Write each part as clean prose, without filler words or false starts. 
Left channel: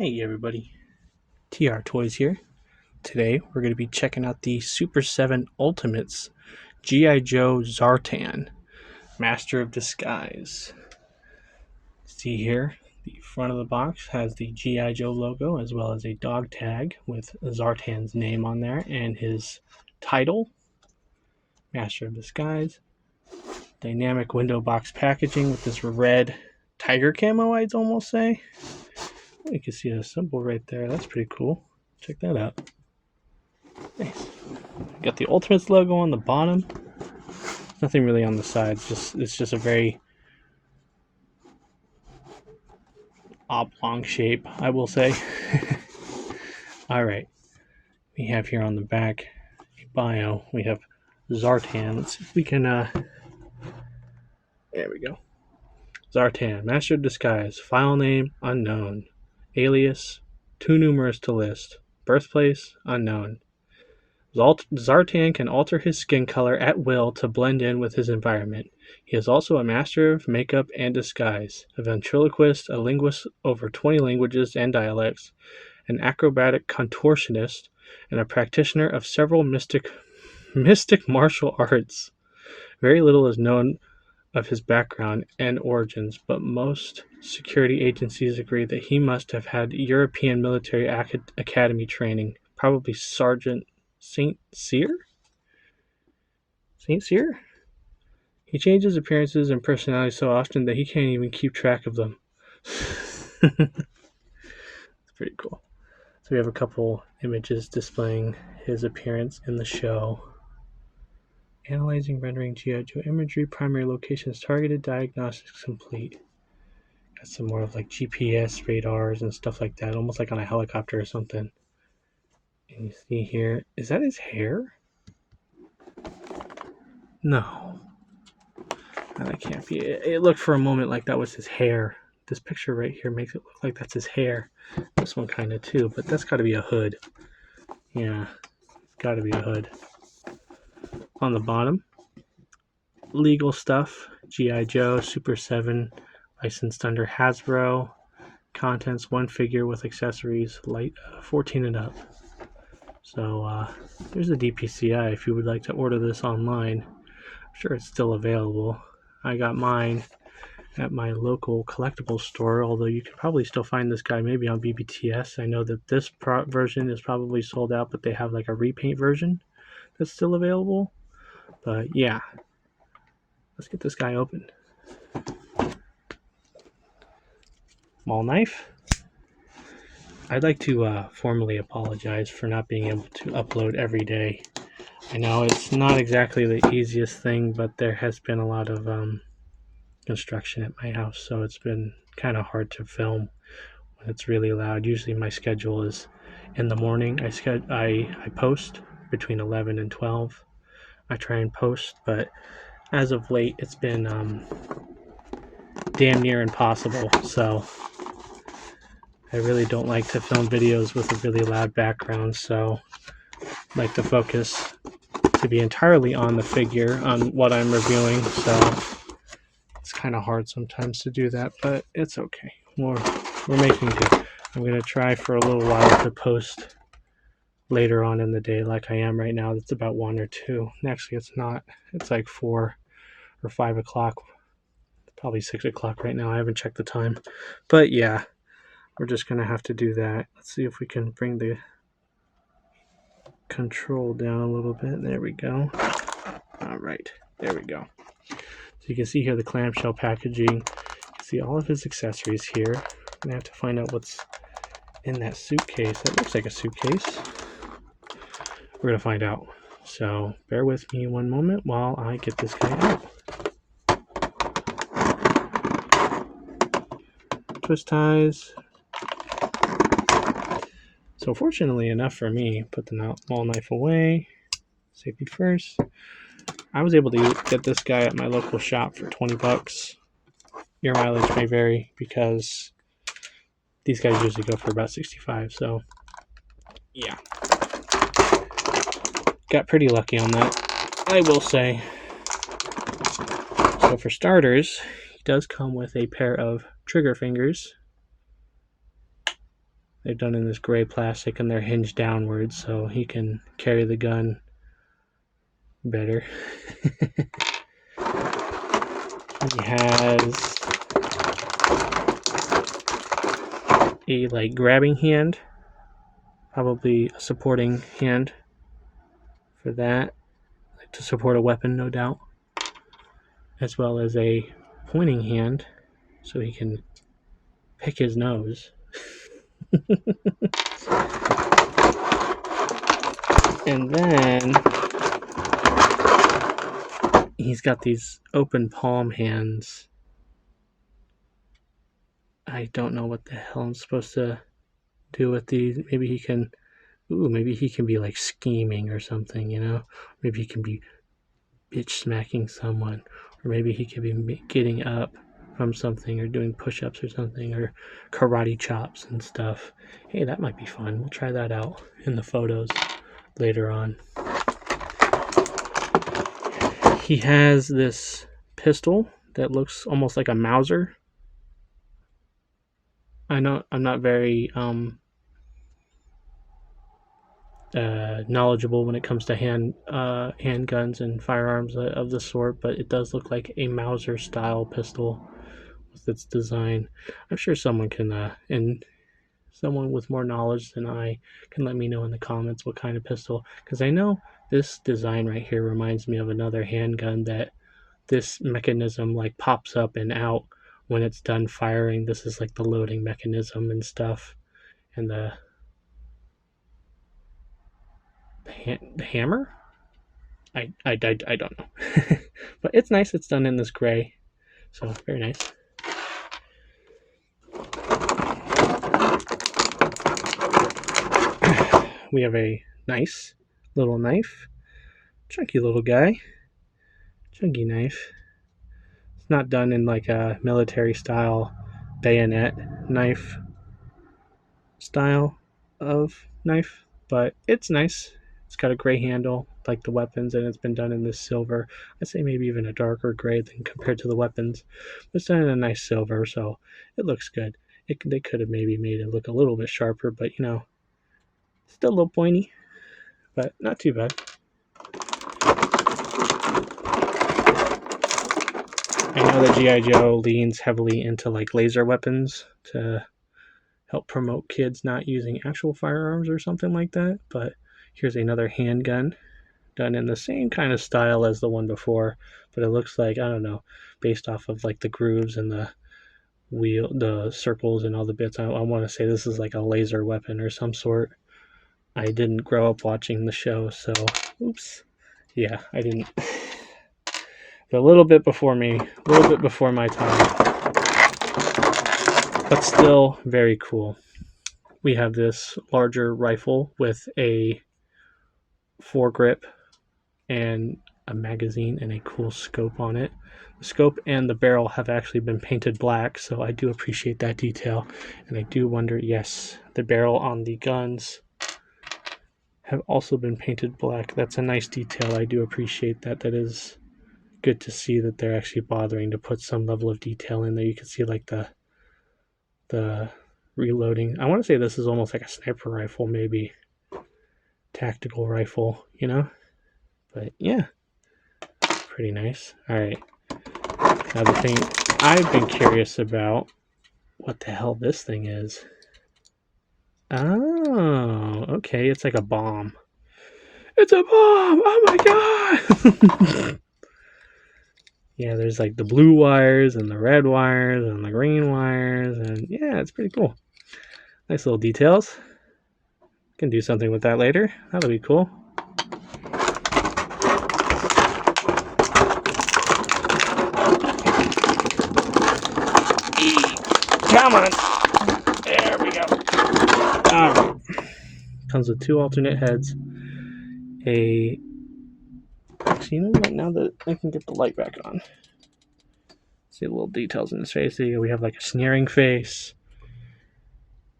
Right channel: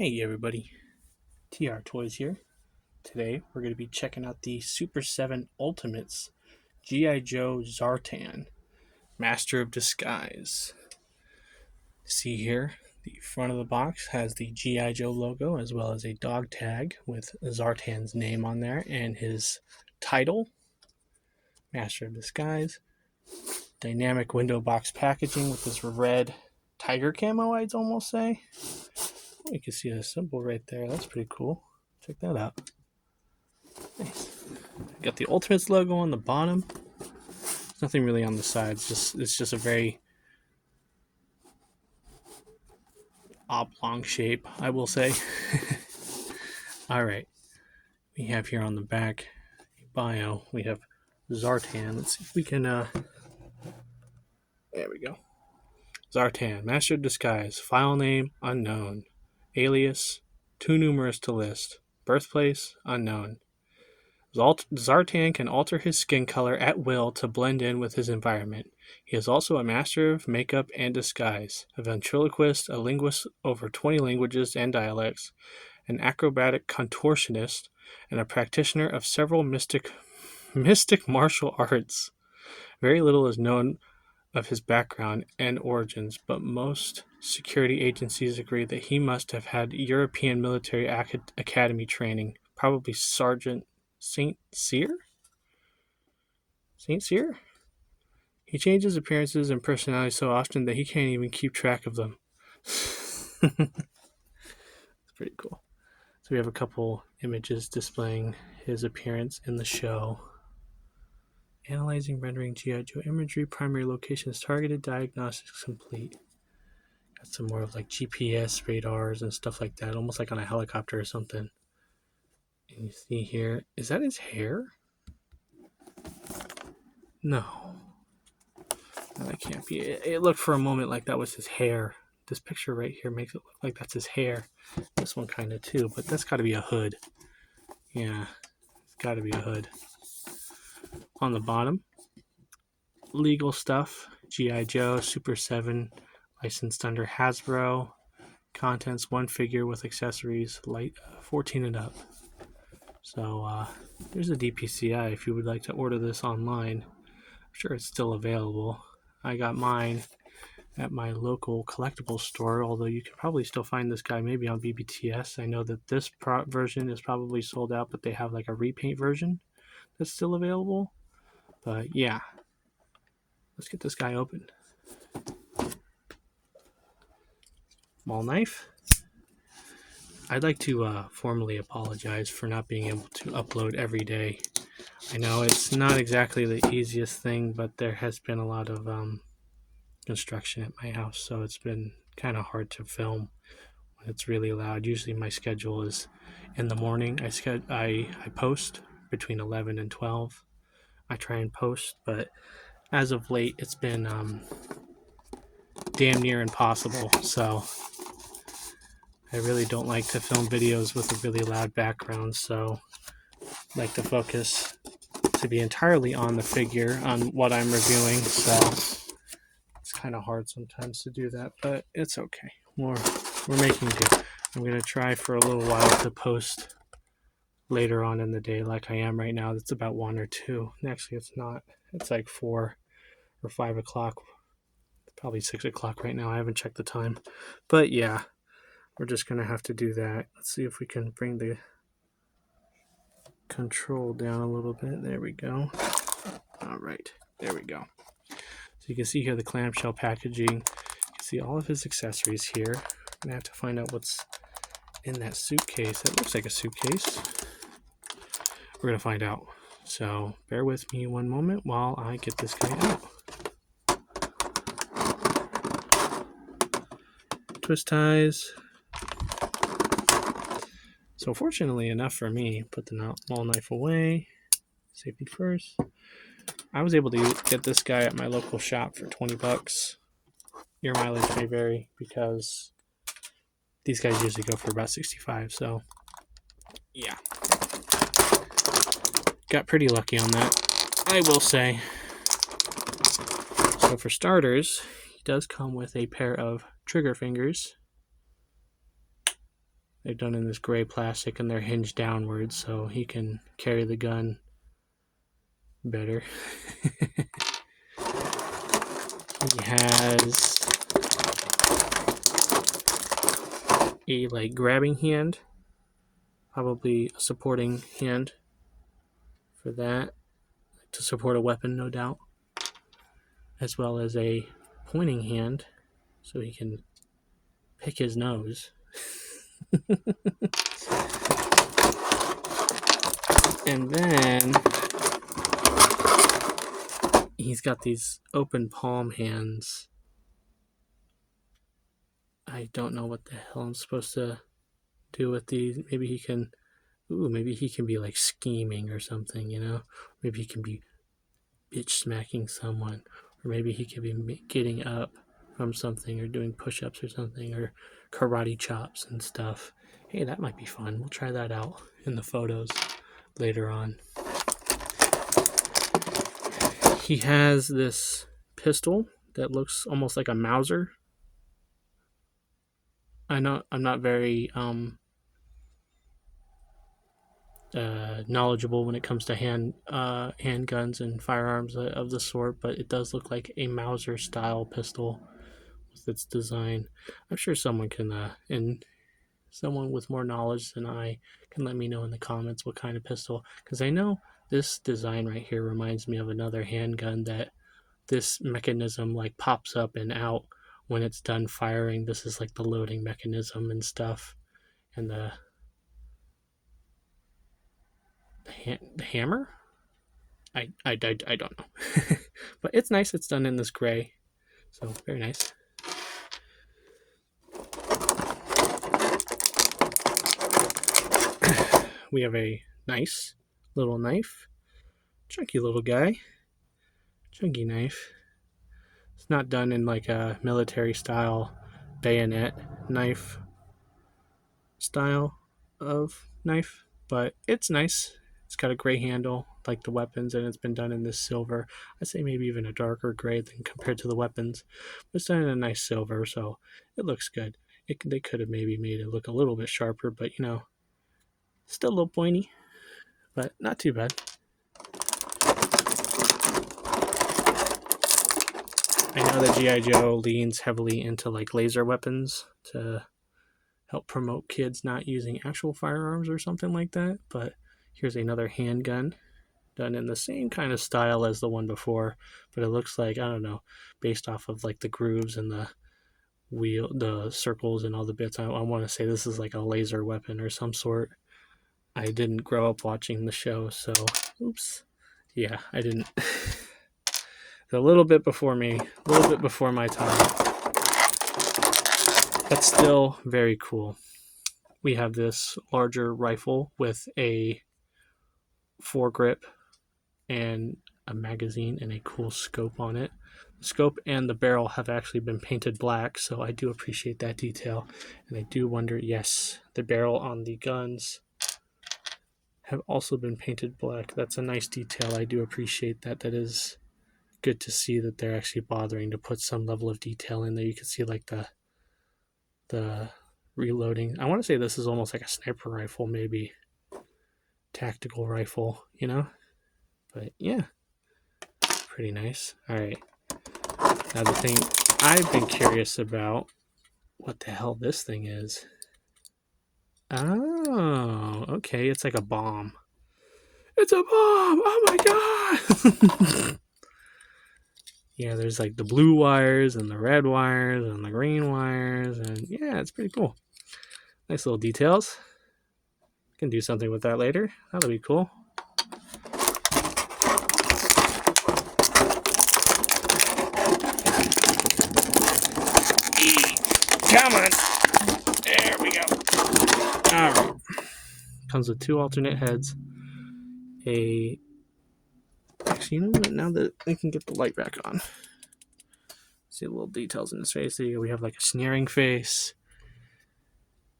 Hey everybody, TR Toys here. Today we're going to be checking out the Super7 Ultimates G.I.Joe Zartan, Master of Disguise. See here, the front of the box has the G.I.Joe logo as well as a dog tag with Zartan's name on there and his title, Master of Disguise. Dynamic window box packaging with this red tiger camo, I'd almost say. You can see a symbol right there. That's pretty cool. Check that out. Nice. Got the Ultimates logo on the bottom. Nothing really on the sides. It's just a very oblong shape, I will say. All right. We have here on the back a bio. We have Zartan. Let's see if we can. There we go. Zartan, Master of Disguise. File name unknown. Alias too numerous to list. Birthplace unknown. Zartan can alter his skin color at will to blend in with his environment. He is also a master of makeup and disguise, a ventriloquist, a linguist over 20 languages and dialects, an acrobatic contortionist, and a practitioner of several mystic martial arts. Very little is known of his background and origins, but most security agencies agree that he must have had European military academy training, probably Sergeant Saint Cyr? Saint Cyr? He changes appearances and personality so often that he can't even keep track of them. It's pretty cool. So we have a couple images displaying his appearance in the show. Analyzing, rendering G.I.Joe imagery, primary locations targeted, diagnostics complete. Got some more of like GPS radars and stuff like that, almost like on a helicopter or something. And you see here, is that his hair? No. That can't be. It looked for a moment like that was his hair. This picture right here makes it look like that's his hair. This one kind of too, but that's got to be a hood. Yeah, got to be a hood. On the bottom, legal stuff. G.I.Joe, Super7, licensed under Hasbro. Contents, one figure with accessories, light 14 and up. So there's a DPCI if you would like to order this online. I'm sure it's still available. I got mine at my local collectibles store, although you can probably still find this guy maybe on BBTS. I know that this version is probably sold out, but they have like a repaint version that's still available. But yeah, let's get this guy open. Small knife. I'd like to formally apologize for not being able to upload every day. I know it's not exactly the easiest thing, but there has been a lot of construction at my house, so it's been kind of hard to film when it's really loud. Usually my schedule is in the morning. I post between 11 and 12. I try and post, but as of late it's been damn near impossible. So I really don't like to film videos with a really loud background, so I like the focus to be entirely on the figure, on what I'm reviewing, so it's kind of hard sometimes to do that, but it's okay. We're making do. I'm going to try for a little while to post later on in the day like I am right now. It's about 1 or 2. Actually, it's not. It's like 4 or 5 o'clock. Probably 6 o'clock right now. I haven't checked the time. But yeah, we're just going to have to do that. Let's see if we can bring the control down a little bit. There we go. All right. There we go. So you can see here the clamshell packaging. You can see all of his accessories here. I'm going to have to find out what's in that suitcase. That looks like a suitcase. We're going to find out. So bear with me one moment while I get this guy out. Twist ties. So fortunately enough for me, put the small knife away. Safety first. I was able to get this guy at my local shop for $20. Your mileage may vary because these guys usually go for about $65. So yeah, got pretty lucky on that, I will say. So for starters, he does come with a pair of trigger fingers. They're done in this gray plastic and they're hinged downwards so he can carry the gun better. He has a like grabbing hand, probably a supporting hand for that, like to support a weapon, no doubt, as well as a pointing hand so he can pick his nose. And then he's got these open palm hands. I don't know what the hell I'm supposed to do with these. Maybe he can be like scheming or something, you know? Maybe he can be bitch smacking someone, or maybe he could be getting up from something or doing push-ups or something, or karate chops and stuff. Hey, that might be fun. We'll try that out in the photos later on. He has this pistol that looks almost like a Mauser. I know I'm not very knowledgeable when it comes to handguns and firearms of the sort, but it does look like a Mauser style pistol with its design. I'm sure someone can, and someone with more knowledge than I can let me know in the comments what kind of pistol, because I know this design right here reminds me of another handgun that this mechanism like pops up and out when it's done firing. This is like the loading mechanism and stuff, and the hammer. I don't know, but it's nice. It's done in this gray, so very nice. We have a nice little knife, chunky little guy, chunky knife. It's not done in like a military style bayonet knife style of knife, but it's nice. It's got a gray handle like the weapons, and it's been done in this silver. I'd say maybe even a darker gray than compared to the weapons. It's done in a nice silver, so it looks good. They could have maybe made it look a little bit sharper, but you know, still a little pointy, but not too bad. I know that G.I. Joe leans heavily into like laser weapons to help promote kids not using actual firearms or something like that, but here's another handgun done in the same kind of style as the one before, but it looks like, I don't know, based off of like the grooves and the wheel, the circles and all the bits. I want to say this is like a laser weapon or some sort. I didn't grow up watching the show, so oops. Yeah, I didn't. A little bit before me, a little bit before my time, but still very cool. We have this larger rifle with a foregrip and a magazine and a cool scope on it. The scope and the barrel have actually been painted black, so I do appreciate that detail. And I do wonder, yes, the barrel on the guns have also been painted black. That's a nice detail. I do appreciate that. That is good to see that they're actually bothering to put some level of detail in there. You can see like the reloading. I want to say this is almost like a sniper rifle, maybe tactical rifle, you know? But yeah, pretty nice. All right. Now the thing I've been curious about, what the hell this thing is. Oh, okay. It's like a bomb. It's a bomb! Oh my god! Yeah, there's like the blue wires and the red wires and the green wires, and yeah, it's pretty cool. Nice little details. Can do something with that later. That'll be cool. Come on. There we go. All right. Comes with two alternate heads. Actually, you know what? Now that I can get the light back on, see the little details in his face. There we have like a sneering face,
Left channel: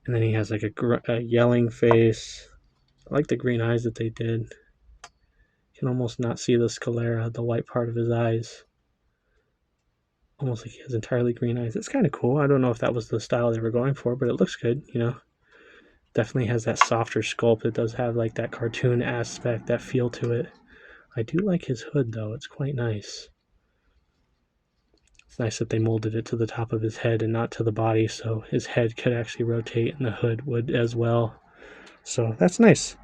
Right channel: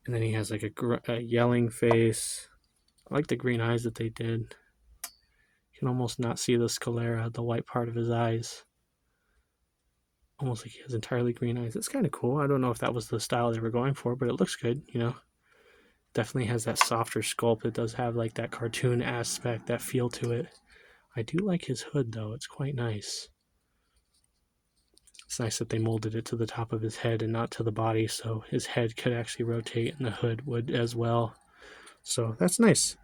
and then he has like a yelling face. I like the green eyes that they did. You can almost not see the sclera, the white part of his eyes. Almost like he has entirely green eyes. It's kind of cool. I don't know if that was the style they were going for, but it looks good, you know. Definitely has that softer sculpt. It does have like that cartoon aspect, that feel to it. I do like his hood though. It's quite nice. It's nice that they molded it to the top of his head and not to the body, so his head could actually rotate and the hood would as well. So that's nice.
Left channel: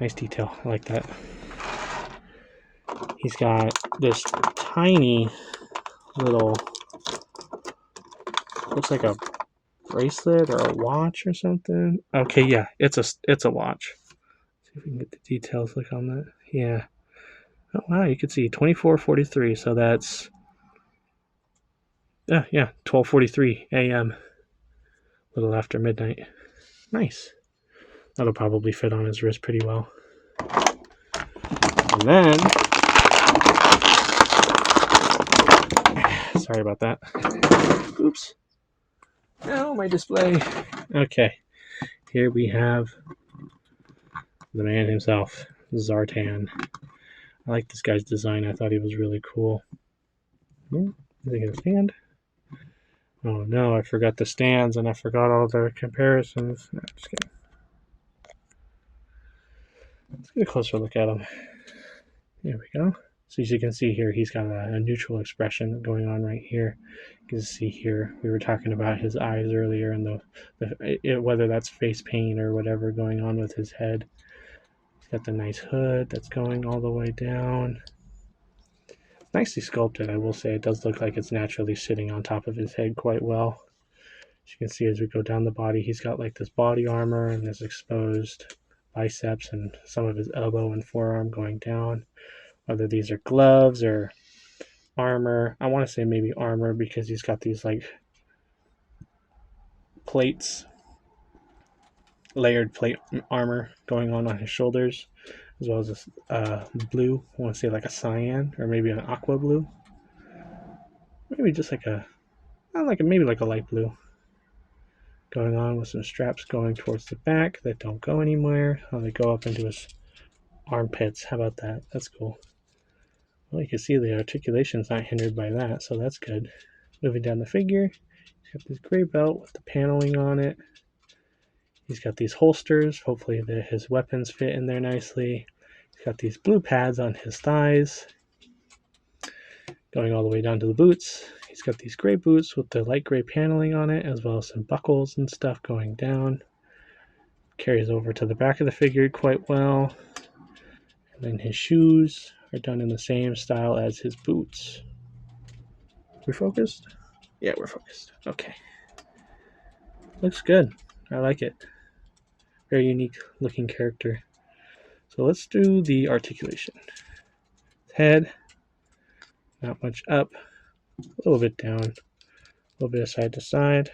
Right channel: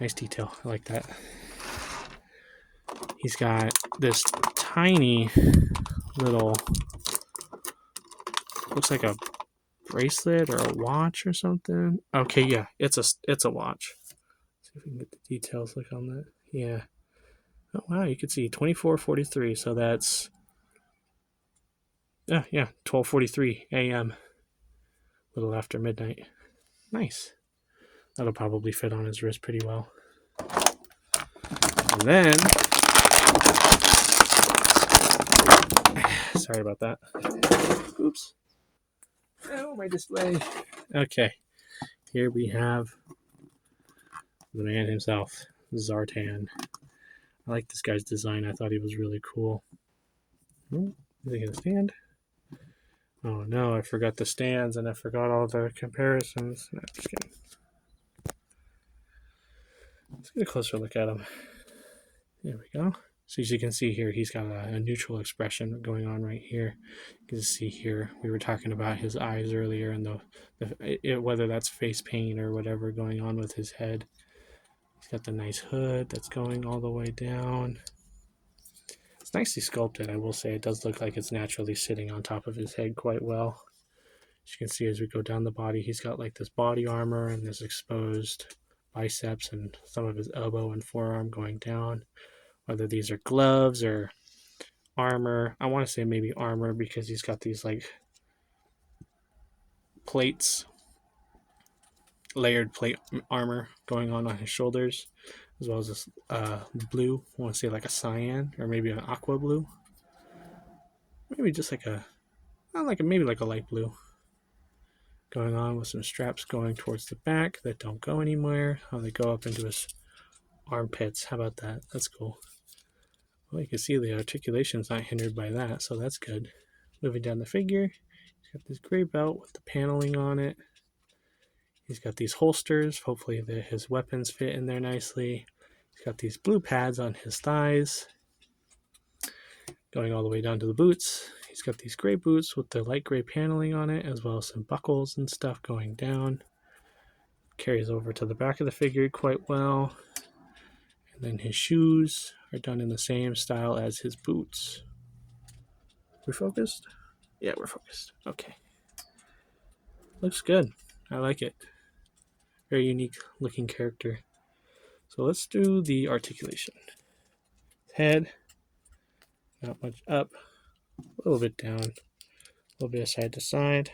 Nice detail. I like that. He's got this tiny little, looks like a bracelet or a watch or something. Okay, yeah, it's a watch. See if we can get the details. Look on that. Yeah. Oh wow, you can see 24:43. So that's yeah, 12:43 a.m. A little after midnight. Nice. That'll probably fit on his wrist pretty well. And then, sorry about that. Oops. Oh, my display. Okay. Here we have the man himself, Zartan. I like this guy's design. I thought he was really cool. Is he gonna stand? Oh no, I forgot the stands and I forgot all the comparisons. No, just kidding. Let's get a closer look at him. Here we go. So as you can see here, he's got a neutral expression going on right here. You can see here, we were talking about his eyes earlier and whether that's face paint or whatever going on with his head. He's got the nice hood that's going all the way down. It's nicely sculpted, I will say. It does look like it's naturally sitting on top of his head quite well. As you can see, as we go down the body, he's got like this body armor and this exposed biceps and some of his elbow and forearm going down. Whether these are gloves or armor. I want to say maybe armor because he's got these like plates, layered plate armor going on his shoulders, as well as this blue. I want to say like a cyan or maybe an aqua blue. Maybe just like maybe like a light blue. Going on with some straps going towards the back that don't go anywhere. Oh, they go up into his armpits. How about that? That's cool. Well, you can see the articulation's not hindered by that, so that's good. Moving down the figure, he's got this gray belt with the paneling on it. He's got these holsters. Hopefully his weapons fit in there nicely. He's got these blue pads on his thighs. Going all the way down to the boots. He's got these gray boots with the light gray paneling on it, as well as some buckles and stuff going down. Carries over to the back of the figure quite well. And then his shoes are done in the same style as his boots. We focused? Yeah, we're focused. Okay. Looks good. I like it. Very unique looking character. So let's do the articulation. Head, not much up, a little bit down, a little bit of side to side.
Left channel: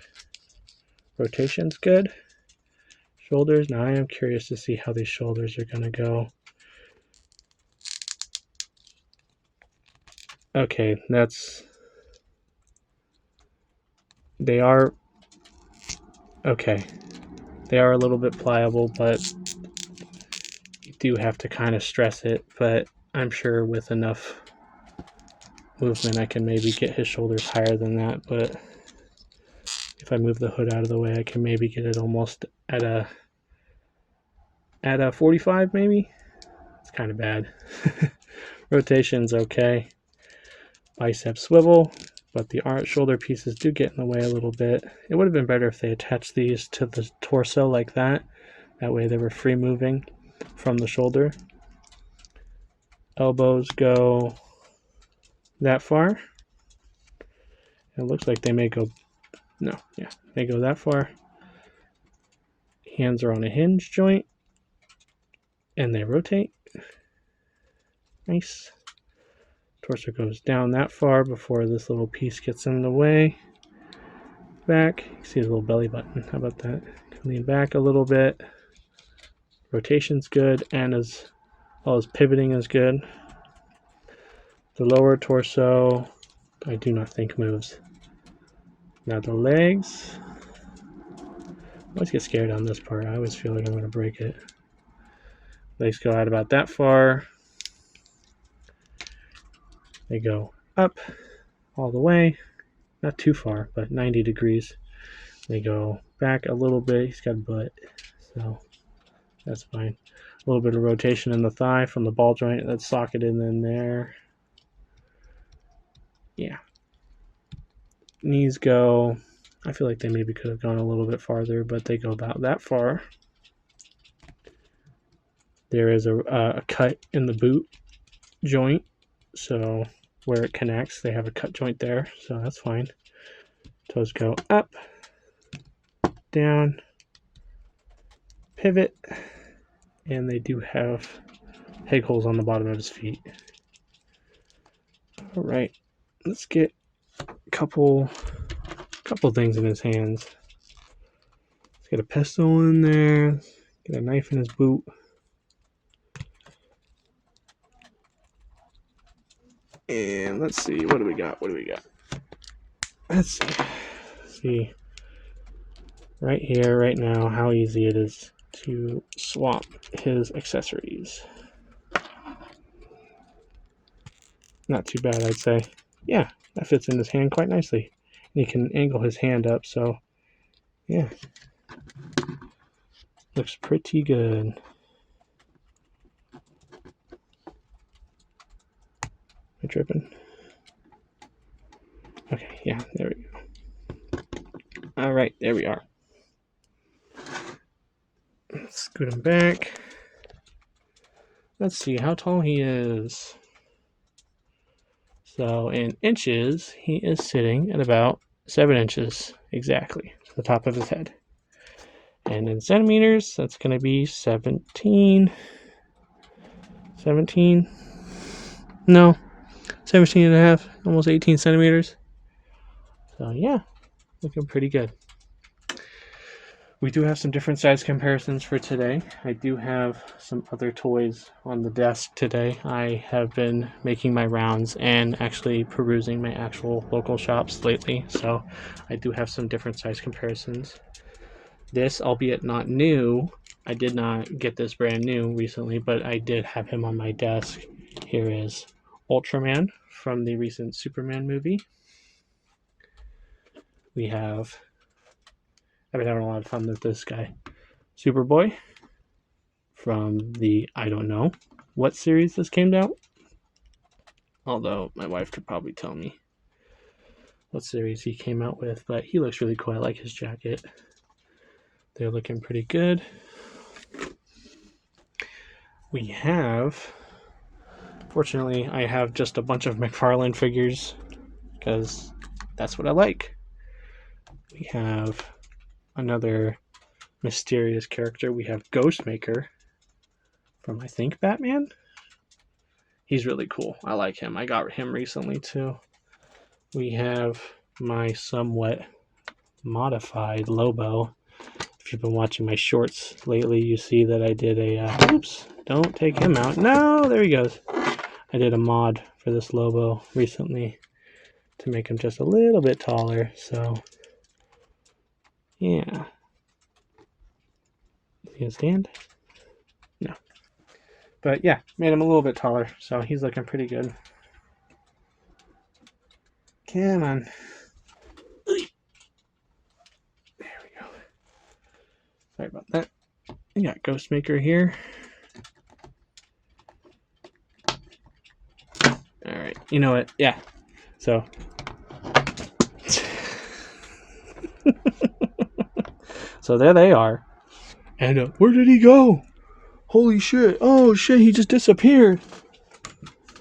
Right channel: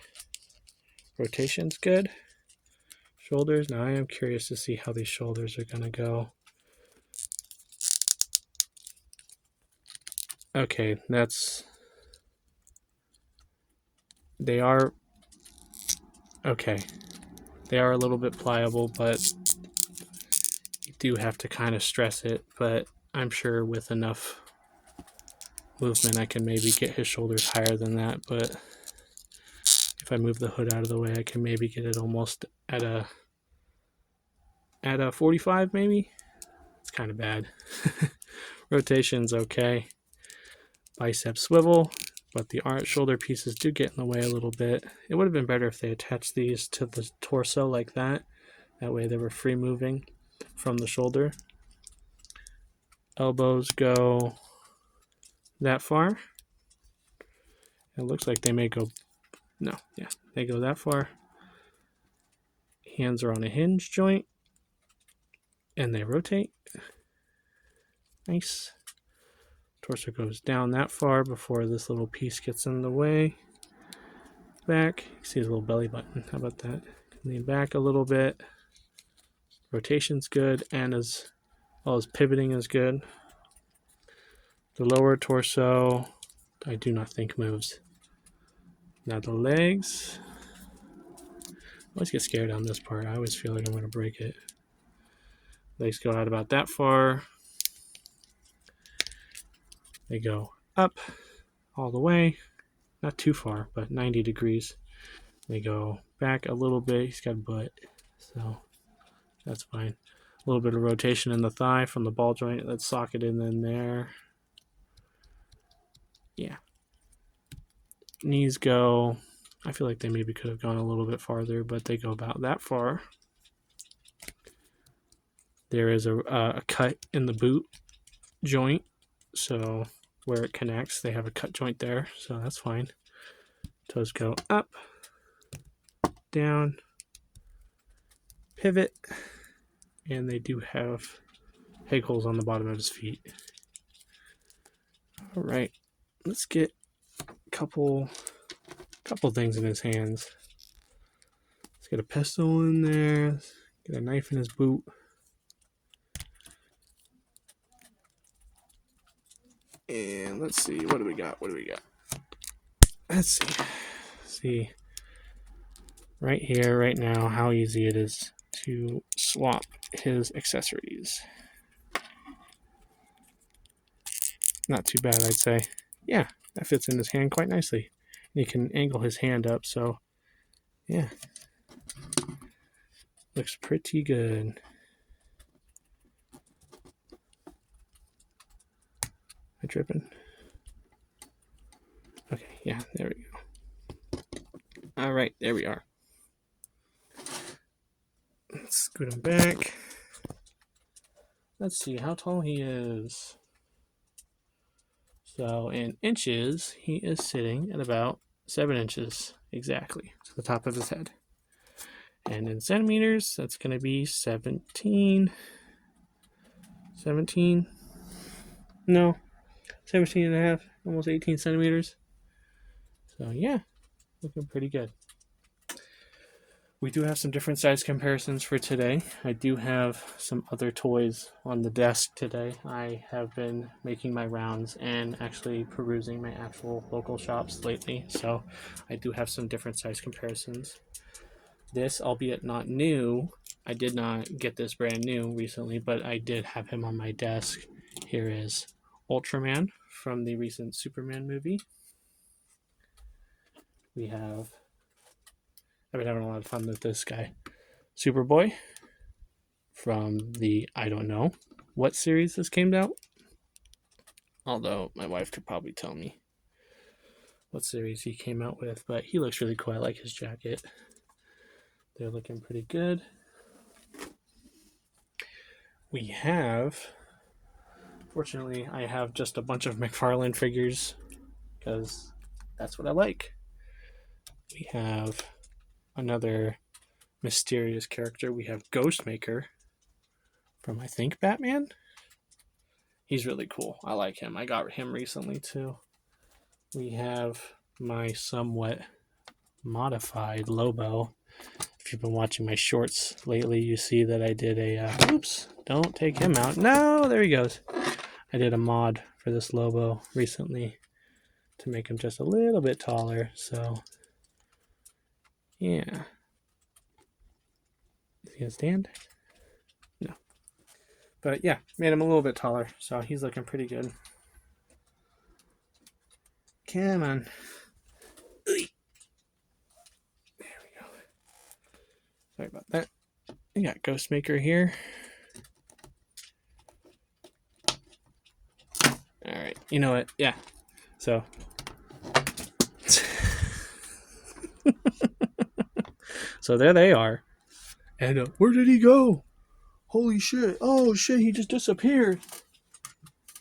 Rotation's good. Shoulders, now I am curious to see how these shoulders are going to go. Okay, they are a little bit pliable, but you do have to kind of stress it, but I'm sure with enough movement I can maybe get his shoulders higher than that, but if I move the hood out of the way I can maybe get it almost at a 45 maybe. It's kind of bad. Rotation's okay. Bicep swivel, but the shoulder pieces do get in the way a little bit. It would have been better if they attached these to the torso like that. That way they were free moving from the shoulder. Elbows go that far. It looks like they may go, no, yeah, they go that far. Hands are on a hinge joint and they rotate. Nice. Torso goes down that far before this little piece gets in the way. Back, you see his little belly button. How about that? Lean back a little bit. Rotation's good, and as well as pivoting is good. The lower torso, I do not think moves. Now the legs. I always get scared on this part. I always feel like I'm going to break it. Legs go out about that far. They go up all the way. Not too far, but 90 degrees. They go back a little bit. He's got butt. So that's fine. A little bit of rotation in the thigh from the ball joint that's socketed in there. Yeah. Knees go, I feel like they maybe could have gone a little bit farther, but they go about that far. There is a cut in the boot joint, so where it connects, they have a cut joint there, so that's fine. Toes go up, down, pivot, and they do have peg holes on the bottom of his feet. All right, let's get a couple things in his hands. Let's get a pistol in there, get a knife in his boot. And let's see, what do we got? Let's see right here, right now, how easy it is to swap his accessories. Not too bad, I'd say. Yeah, that fits in his hand quite nicely. And he can angle his hand up, so yeah. Looks pretty good. Am I tripping? Okay, yeah, there we go. All right, there we are. Let's scoot him back. Let's see how tall he is. So in inches, he is sitting at about 7 inches exactly to the top of his head. And in centimeters, that's going to be 17. No, 17 and a half, almost 18 centimeters. So yeah, looking pretty good. We do have some different size comparisons for today. I do have some other toys on the desk today. I have been making my rounds and actually perusing my actual local shops lately. So I do have some different size comparisons. This, albeit not new, I did not get this brand new recently, but I did have him on my desk. Here is Ultraman from the recent Superman movie. I've been having a lot of fun with this guy. Superboy from the, I don't know what series this came out. Although my wife could probably tell me what series he came out with, but he looks really cool. I like his jacket. They're looking pretty good. We have, fortunately, I have just a bunch of McFarlane figures because that's what I like. We have another mysterious character. We have Ghostmaker from, I think, Batman. He's really cool. I like him. I got him recently too. We have my somewhat modified Lobo. If you've been watching my shorts lately, you see that I did a oops, don't take him out. No, there he goes. I did a mod for this Lobo recently to make him just a little bit taller. So yeah. Is he gonna stand? No. But yeah, made him a little bit taller, so he's looking pretty good. Come on. There we go. Sorry about that. We got Ghostmaker here. Alright, you know what? Yeah. So. So there they are. And where did he go? Holy shit. Oh shit, he just disappeared.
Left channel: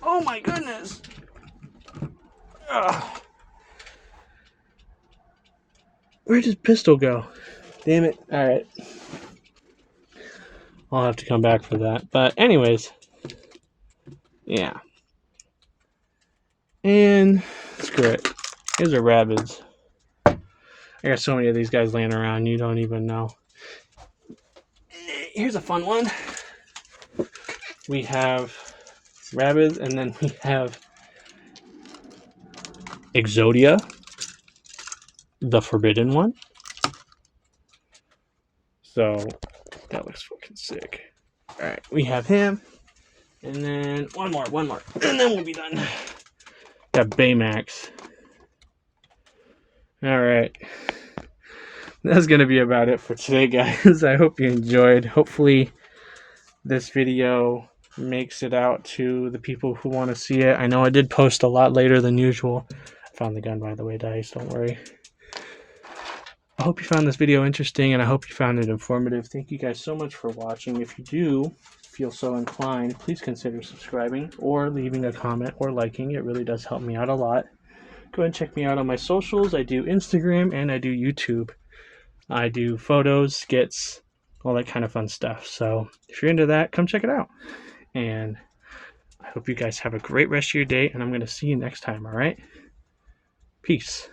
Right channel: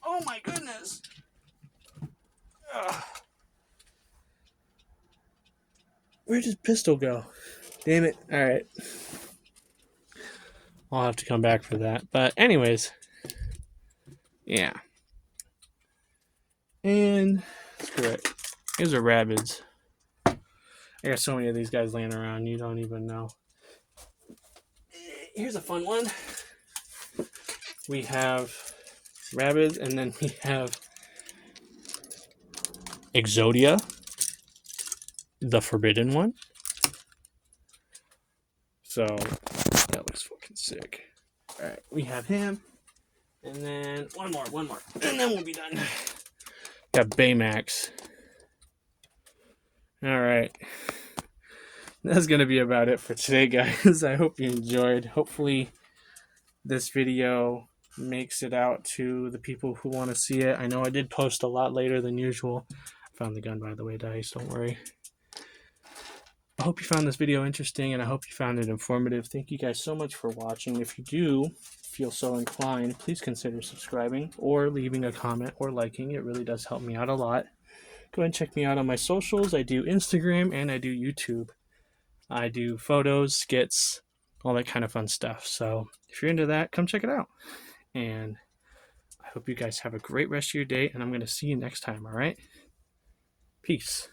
Oh my goodness. Ugh. Where did Pistol go? Damn it. Alright. I'll have to come back for that. But anyways. Yeah. And screw it. Here's our rabbits. I got so many of these guys laying around, you don't even know. Here's a fun one. We have rabbits, and then we have Exodia, the forbidden one. So that looks fucking sick. Alright, we have him. And then one more. And then we'll be done. Got Baymax. Alright. that's going to be about it for today, guys. I hope you enjoyed. Hopefully this video makes it out to the people who want to see it. I know I did post a lot later than usual. I found the gun, by the way, Dice. Don't worry. I hope you found this video interesting, and I hope you found it informative. Thank you guys so much for watching. If you do feel so inclined, please consider subscribing or leaving a comment or liking. It really does help me out a lot. Go ahead and check me out on my socials. I do Instagram and I do YouTube. I do photos, skits, all that kind of fun stuff. So if you're into that, come check it out. And I hope you guys have a great rest of your day, and I'm going to see you next time, all right? Peace.